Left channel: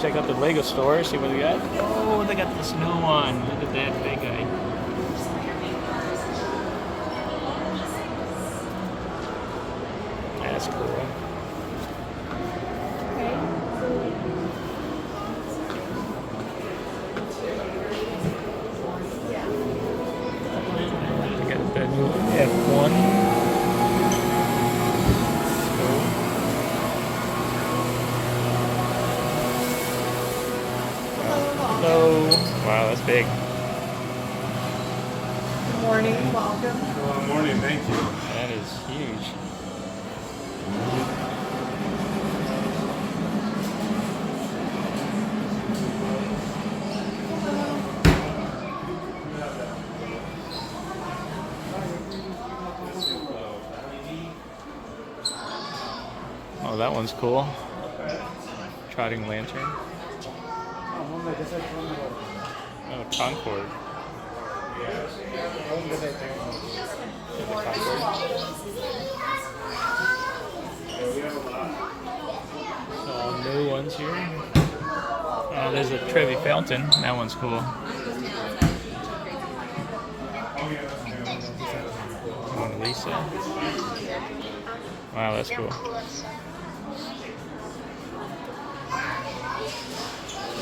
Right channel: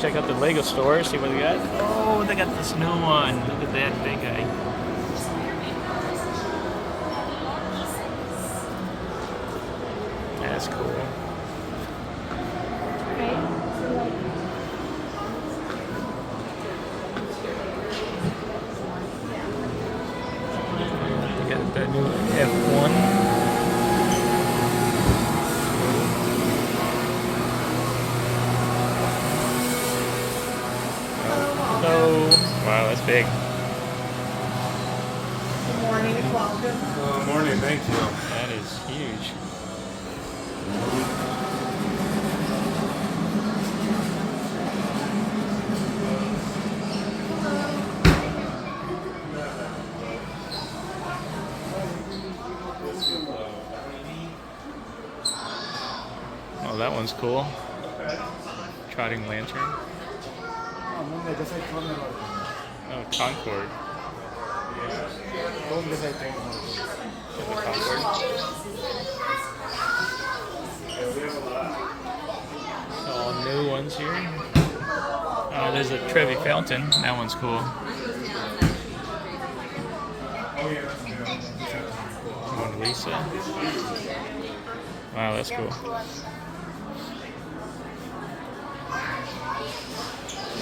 check out the Lego store, see what they got. Oh, they got this new one. Look at that big guy. That's cool. They got the new F1. Wow, that's big. Good morning, welcome. Good morning, thank you. That is huge. Oh, that one's cool. Trotting lantern. Oh, Concord. The Concord. All new ones here. Oh, there's a Trevi Fountain. That one's cool. Mona Lisa. Wow, that's cool.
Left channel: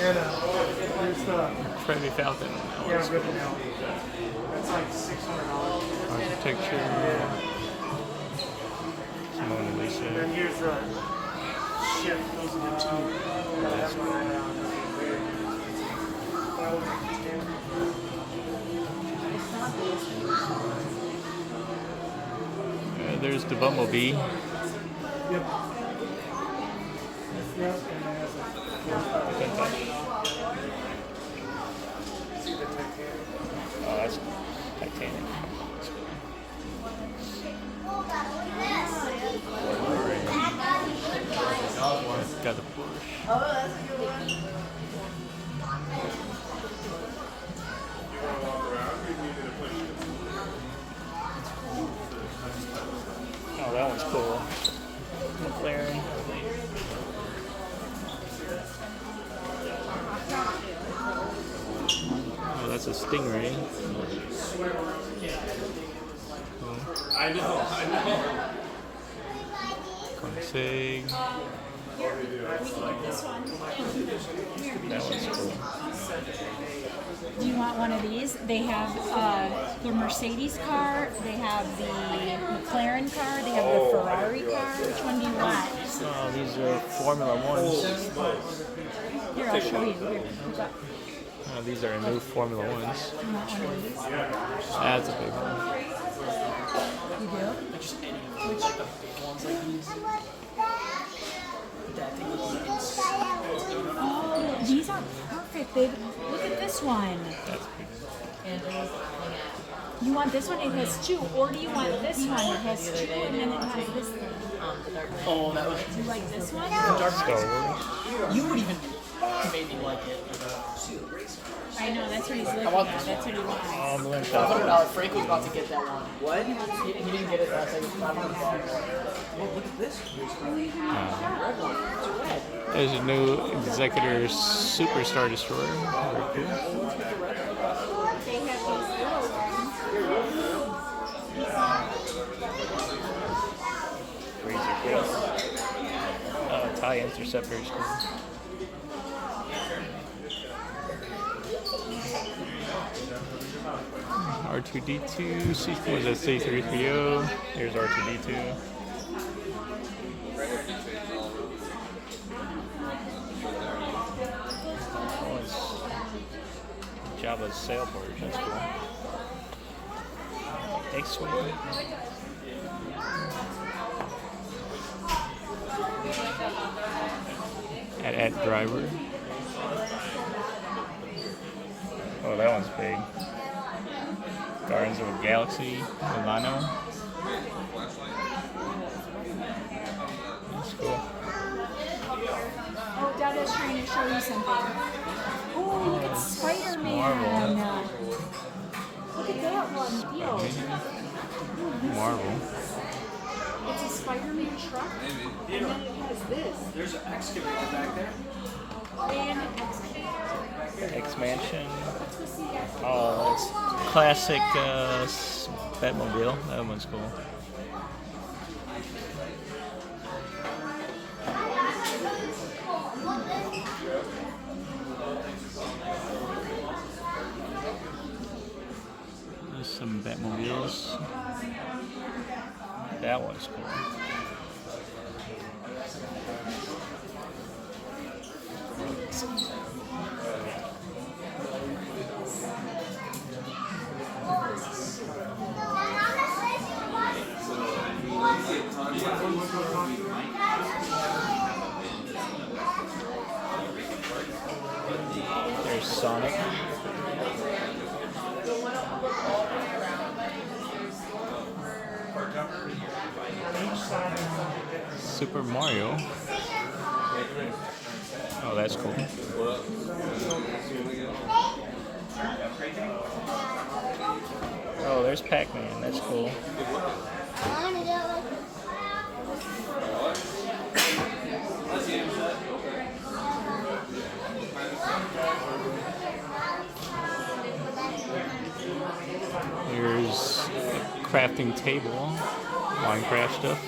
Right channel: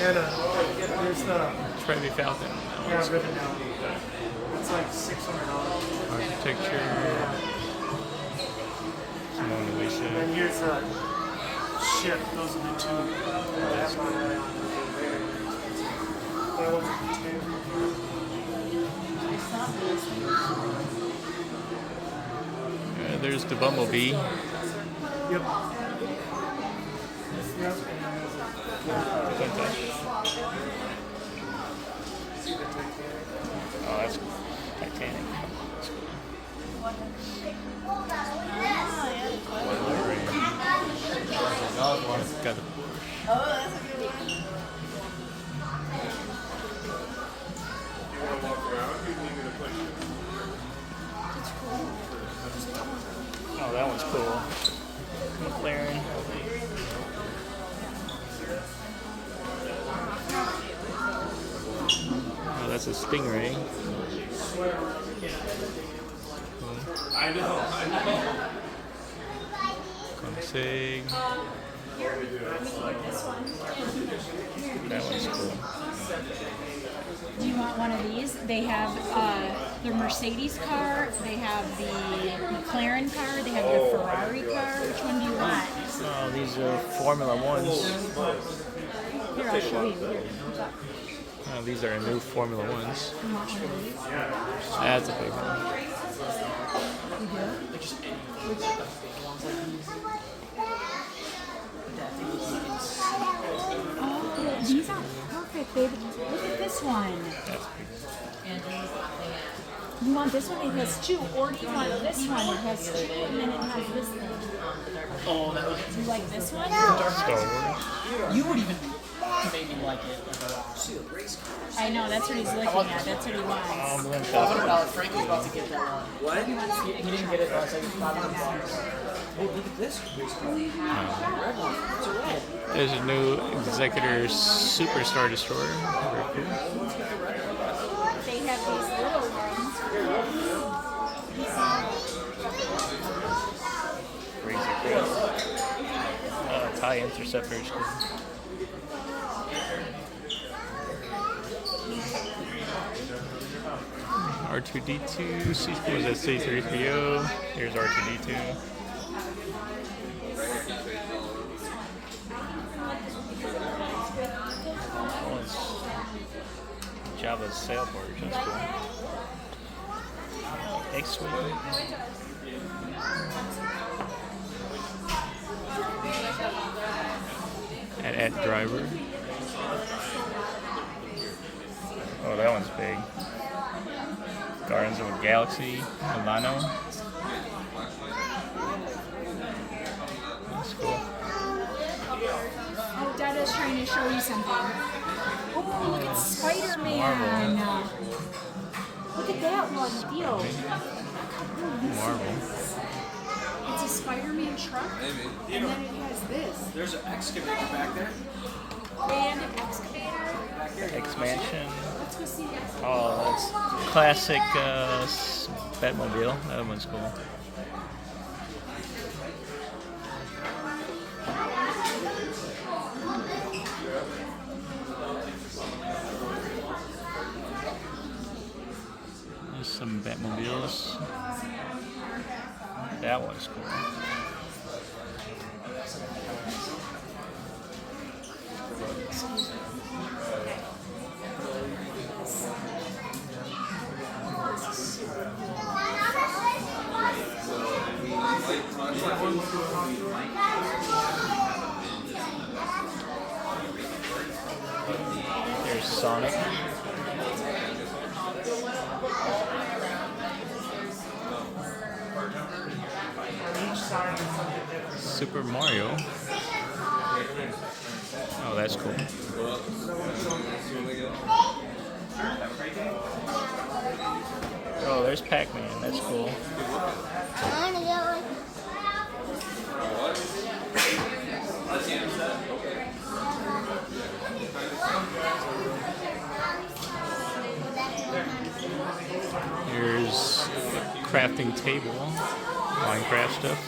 And there's the Trevi Fountain. rip it down. That's like $600. Architecture. Mona Lisa. And here's the ship that goes in the tube. That's cool. There's the Bumblebee. Yep. Yep. Vintage. Oh, that's Titanic. That's cool. Got the Porsche. Oh, that one's cool. McLaren. Oh, that's a Stingray. Cool. Config. That one's cool. Do you want one of these? They have the Mercedes car, they have the McLaren car, they have the Ferrari car. Which one do you want? Oh, these are Formula Ones. Here, I'll show you. Here. Oh, these are new Formula Ones. That's a big one. You do? Oh, these are perfect, babe. Look at this one. That's big. You want this one? It has two. Or do you want this one? It has two and then it has this thing. You like this one? Star Wars. You would even maybe like it. I know, that's what he's looking at. That's what he wants. Oh, Balloon $500. Frank was about to get that one. What? He didn't get it last time. $500. Hey, look at this. There's a new Executor Superstar Destroyer. Very cool. They have these little ones. Razor Crest. TIE Interceptor is cool. R2D2, was that C3PO? Here's R2D2. Oh, it's Jabba's sailboat, that's cool. X-Wing. At driver. Oh, that one's big. Guardians of the Galaxy, Milano. That's cool. Oh, Dada's trying to show you something. Oh, look at Spider-Man. Marvel. Look at that one. Deal. Marvel. It's a Spider-Man truck. Maybe. And then it has this. There's an excavator back there. And Mansion. Oh, that's classic Batmobile. That one's cool. There's some Batmobiles. That one's cool. There's Sonic. Super Mario. Oh, that's cool. Oh, there's Pac-Man. That's cool. Here's crafting table, Minecraft stuff.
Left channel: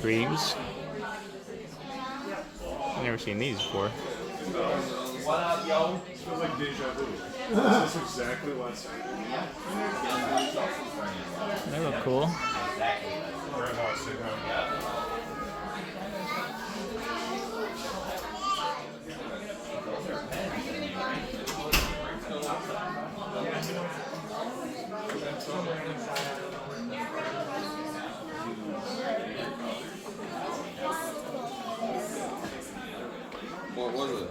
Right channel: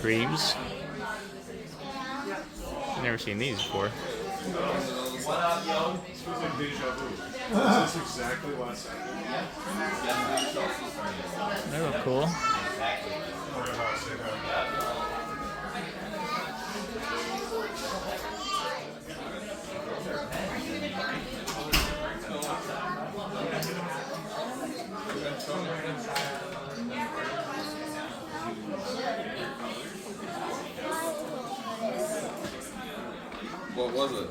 Creams. Never seen these before. What up, yo? This feels like deja vu. This is exactly last night. They look cool. What was it?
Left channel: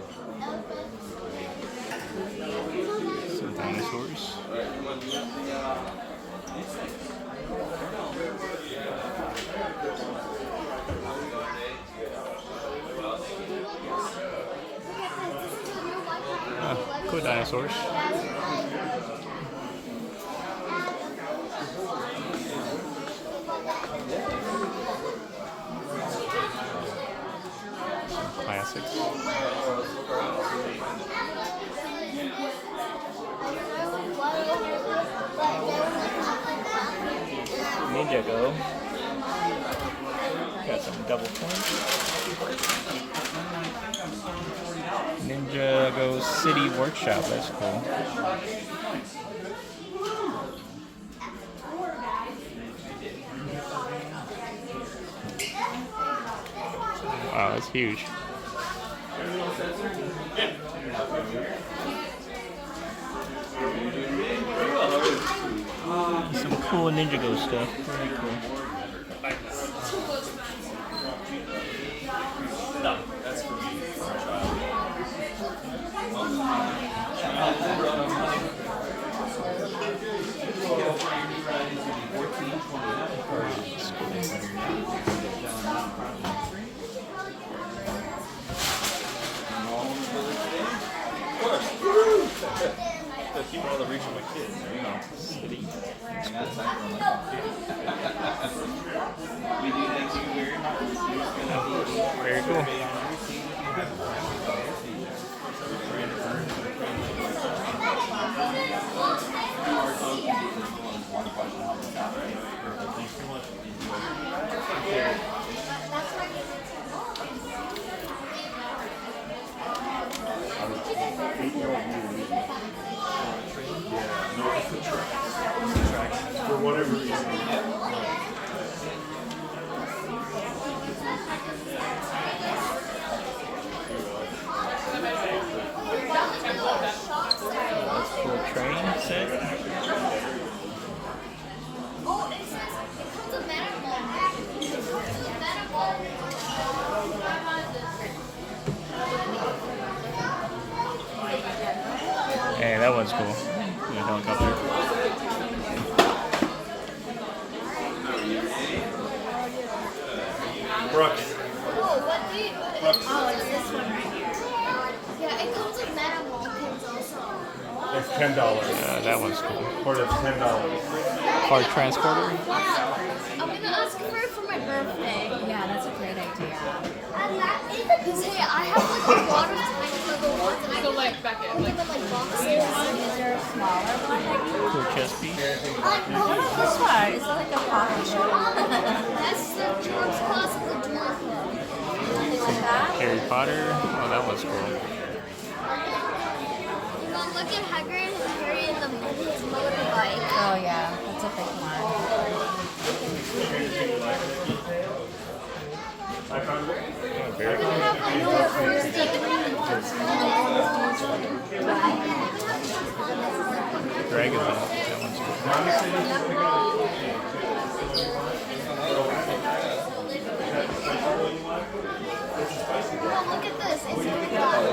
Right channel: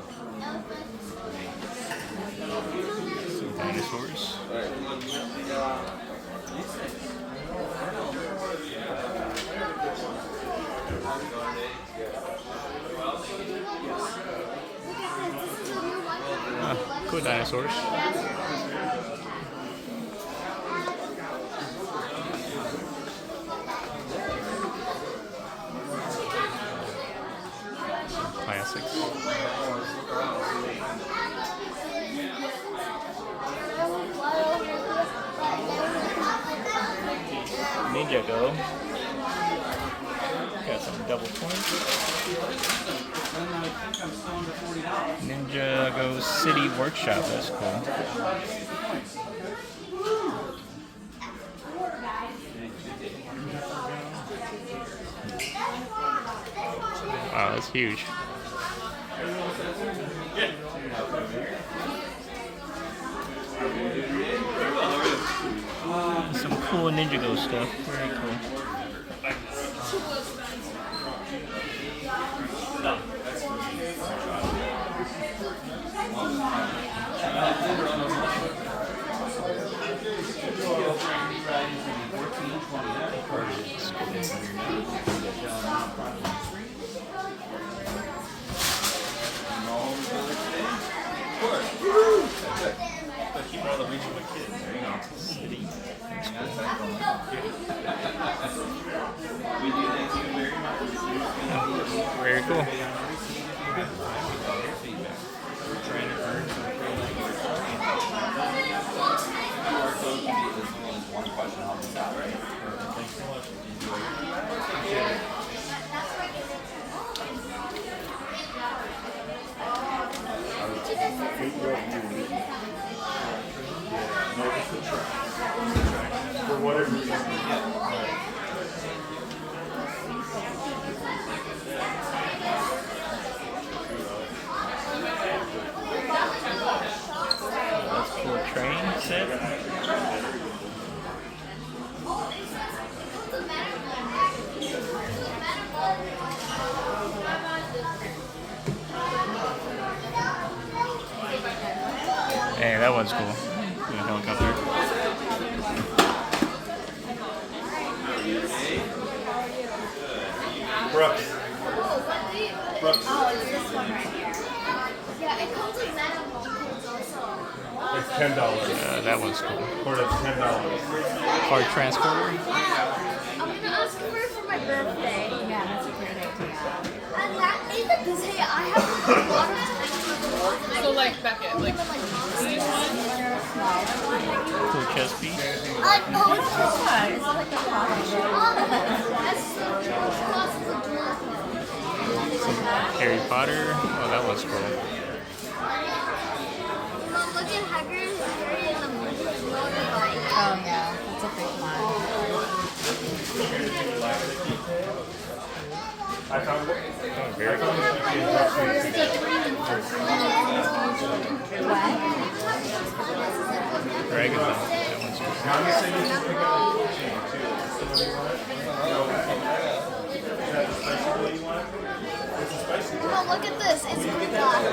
Some dinosaurs. Alright, come on, Cool dinosaurs. Classics. Ninjago. Got some double points. Ninjago City Workshop. That's cool. Wow, that's huge. Some cool Ninjago stuff. Very cool. keep all the regional kids, you know. City. That's cool. We do thank you very much. Very cool. We're trying to earn QR code is one question off the top, right? Thanks so much. For whatever reason. That's a cool train set. Hey, that one's cool. Yeah, helicopter. Brooks. Brooks. Oh, it's this one right here. Yeah, it comes with metal $10. That one's cool. Or that's $10. Car transporter. I'm gonna ask for it for my birthday. Yeah, that's a great idea. And that even because hey, I have like a lot of time in the world. So like Beckett, like Even like Is there a smaller one? Cool chess piece. oh, This one is like a pocket. that's the Charles Classical Duel. Harry Potter. Oh, that one's cool. Mom, look at Hagrid and Harry in the motorbike. Oh yeah, that's a big one. Oh, very cool. Dragon Ball. That one's cool. Oh, look at this. It's lip gloss.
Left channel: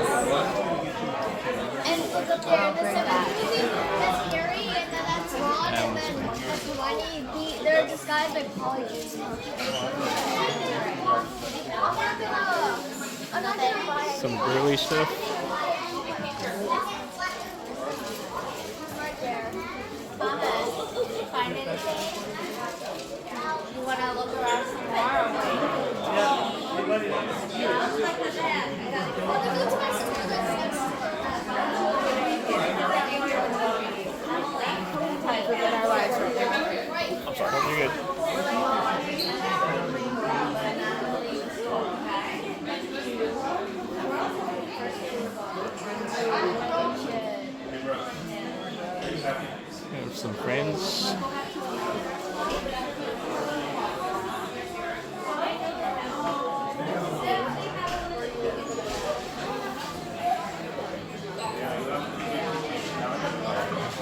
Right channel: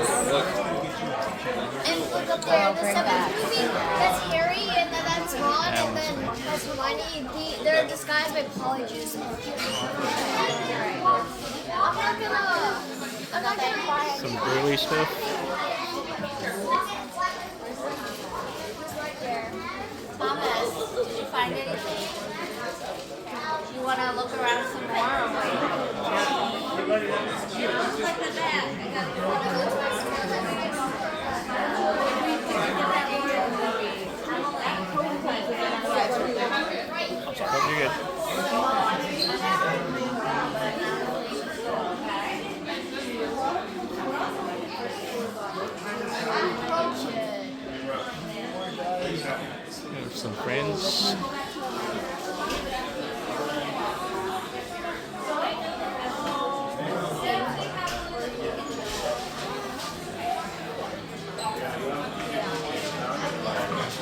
And look up there, the seventh movie. That's Harry, and then that's Ron, and then that's Hermione. They're disguised by polyjuice. I'm not gonna buy it. Some girly stuff. Thomas, did you find anything? You want to look around some more or what? It looks like the bag. I gotta go. I'm sorry. Hope you're good. Have some friends.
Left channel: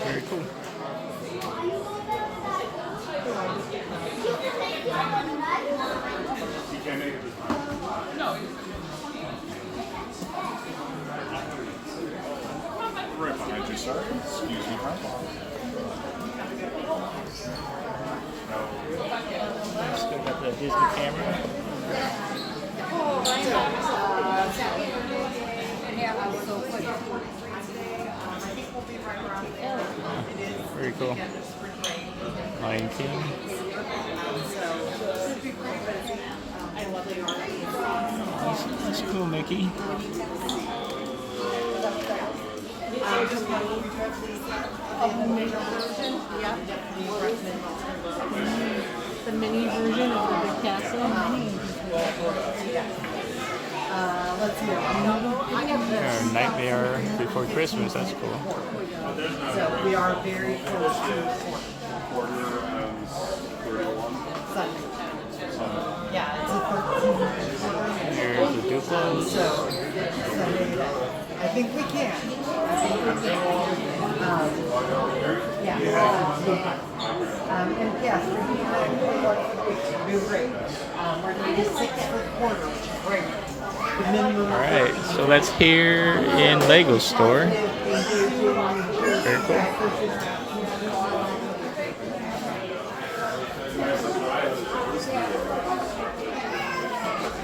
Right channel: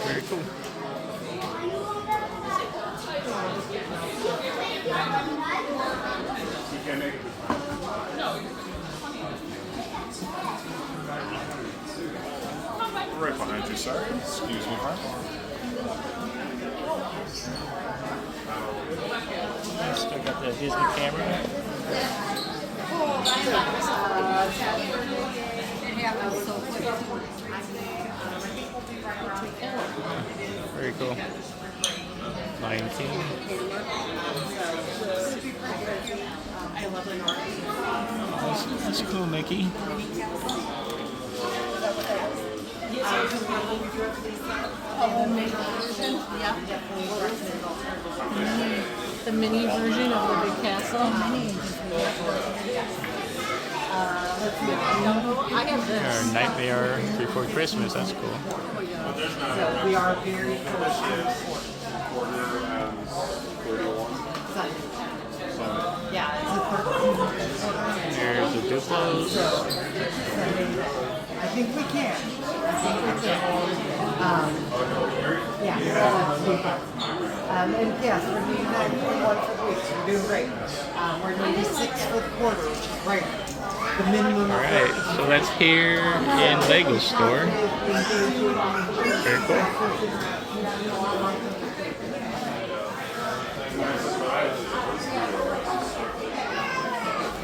Very cool. Right behind you, sir. Excuse me, huh? Still got the Disney camera. Very cool. 19. Oh, that's cool, Mickey. the mini version of the big castle. Or Nightmare Before Christmas. That's cool. We are very close to Quarter and 31. yeah, There's the Duplos. I think we can. Yeah. And yes, we're doing 9 weeks. We're doing great. We're going to do 6 for the quarter, which is great. The minimum. Alright, so that's here in Lego store. Very cool.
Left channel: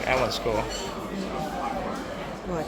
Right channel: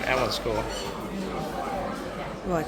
That one's cool. What?